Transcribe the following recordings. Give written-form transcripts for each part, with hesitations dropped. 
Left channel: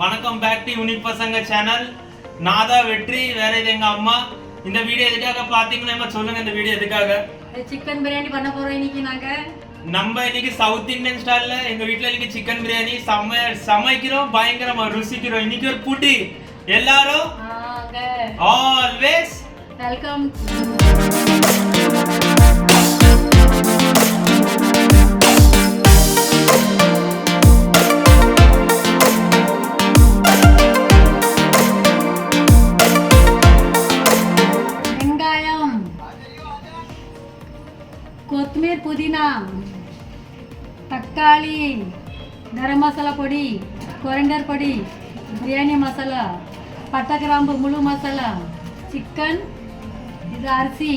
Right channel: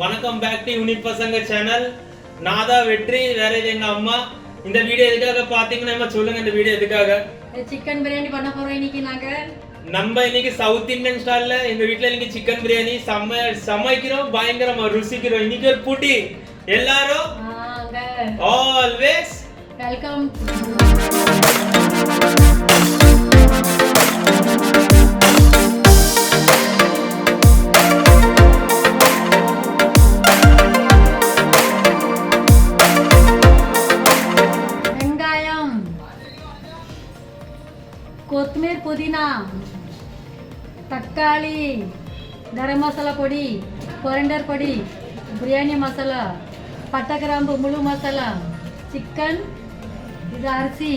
வணக்கம் back to unique பசங்க channel. நான் தான் வெற்றி, வேற இது எங்க அம்மா. இந்த வீடியோ எதுக்காக பாத்தீங்கன்னா சொல்லுங்க, இந்த வீடியோ எதுக்காக? சிக்கன் பிரியாணி பண்ண போறோம் இன்னைக்கு. நம்ம இன்னைக்கு சவுத் இந்தியன் ஸ்டைல்ல எங்க வீட்ல இன்னைக்கு சிக்கன் பிரியாணி சமைக்கிறோம், பயங்கரமா ருசிக்கிறோம். இன்னைக்கு ஒரு புட்டி. எல்லாரும் ஆல்வேஸ் வெல்கம். కొత్తిమీర పుదీనా తక్కాళి గరం మసాలా పొడి కొరండర్ పొడి బిర్యానీ మసాలా పట్ట గ్రాంబు ముళ్ళు మసాలా చికెన్ ఇది అరిసి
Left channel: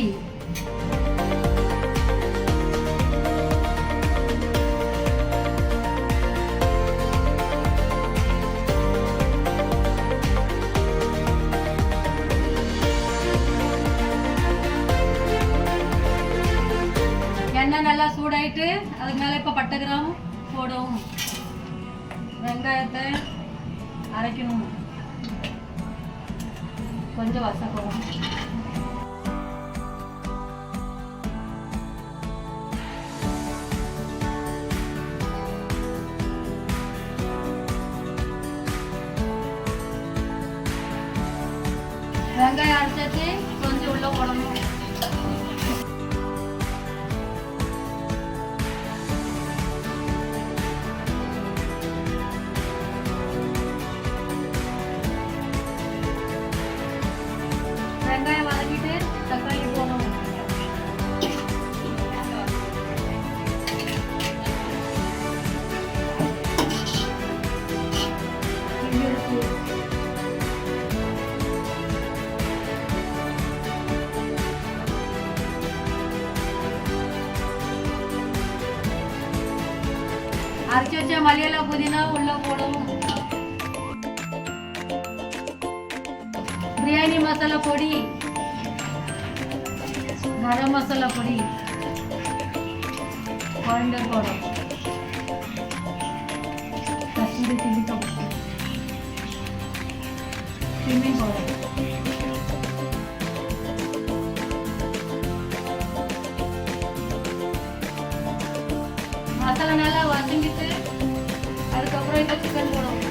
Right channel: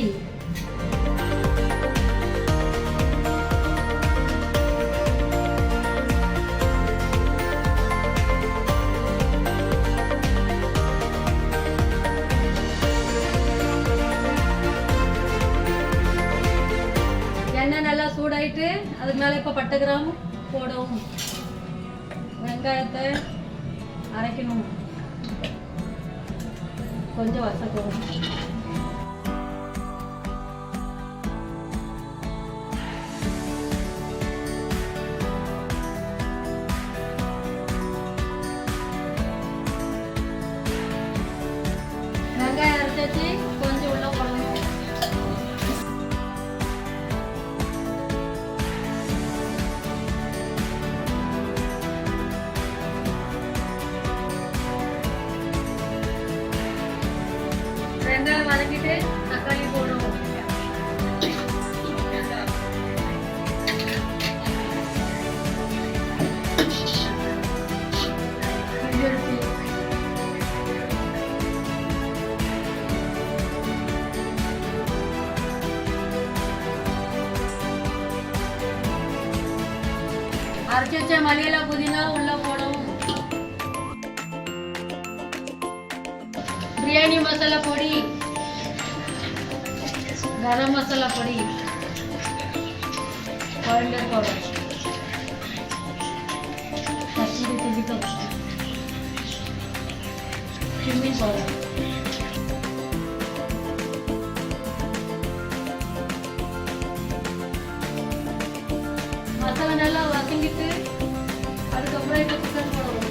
எண்ணெய் நல்லா சூடாயிட்டு அதுக்கு மேலே இப்போ பட்டை கிராம்பு போடவும், வெங்காயத்தை அரைக்கணும், கொஞ்சம் வசக்கணும். வெங்காயம் அரைச்சாச்சு, கொஞ்சம் உள்ள போடணும். வெங்காயம் வதக்கிட்டு தக்காளி போடணும். அரைச்சி வச்ச மல்லியில புதினா உள்ள போடவும். బిర్యానీ మసాలా పొడి, గరం మసాలా పొడి, coriander powder, Kasturi chilli powder, cumin powder, masala நல்லா வதங்கிட்டு அதுக்கப்புறம் இப்போ சிக்கன் போடணும்.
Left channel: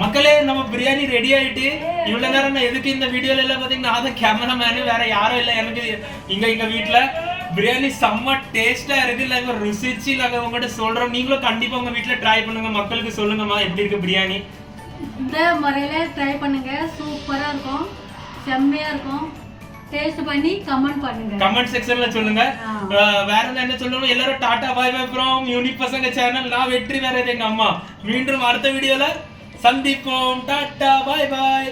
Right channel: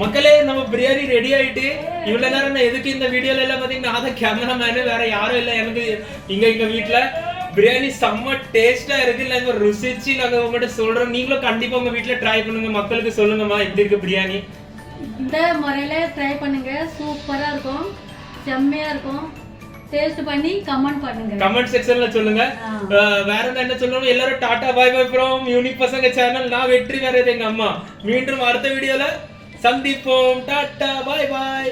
மக்களே, நம்ம பிரியாணி ரெடி ஆயிட்டு இவ்வளவு நேரம் நான் எதுக்கு இந்த வீடியோல எல்லாம் பாத்தீங்கன்னா நான் தான் கேமராமேனு, வேற யாரும் இல்லை எனக்கு. எங்க வீட்டுல பிரியாணி செம்ம டேஸ்டா இருக்கு. இல்ல ருசிச்சு நாங்க உங்ககிட்ட சொல்றோம். நீங்களும் கண்டிப்பா உங்க வீட்டுல ட்ரை பண்ணுங்க. மக்களுக்கு சொல்லுங்கம்மா எப்படி இருக்கு பிரியாணி. இந்த முறையில ட்ரை பண்ணுங்க, சூப்பரா இருக்கும், செம்மையா இருக்கும். டேஸ்ட் பண்ணி கமெண்ட் பண்ணுங்க, கமெண்ட் செக்ஷன்ல சொல்லுங்க. வேற என்ன சொல்லணும்? எல்லாரும் tata bye bye from unique பசங்க சேனல். நான் வெற்றி, வேற எங்க அம்மா. மீண்டும் அடுத்த வீடியோல சந்திப்போம். Tata bye by.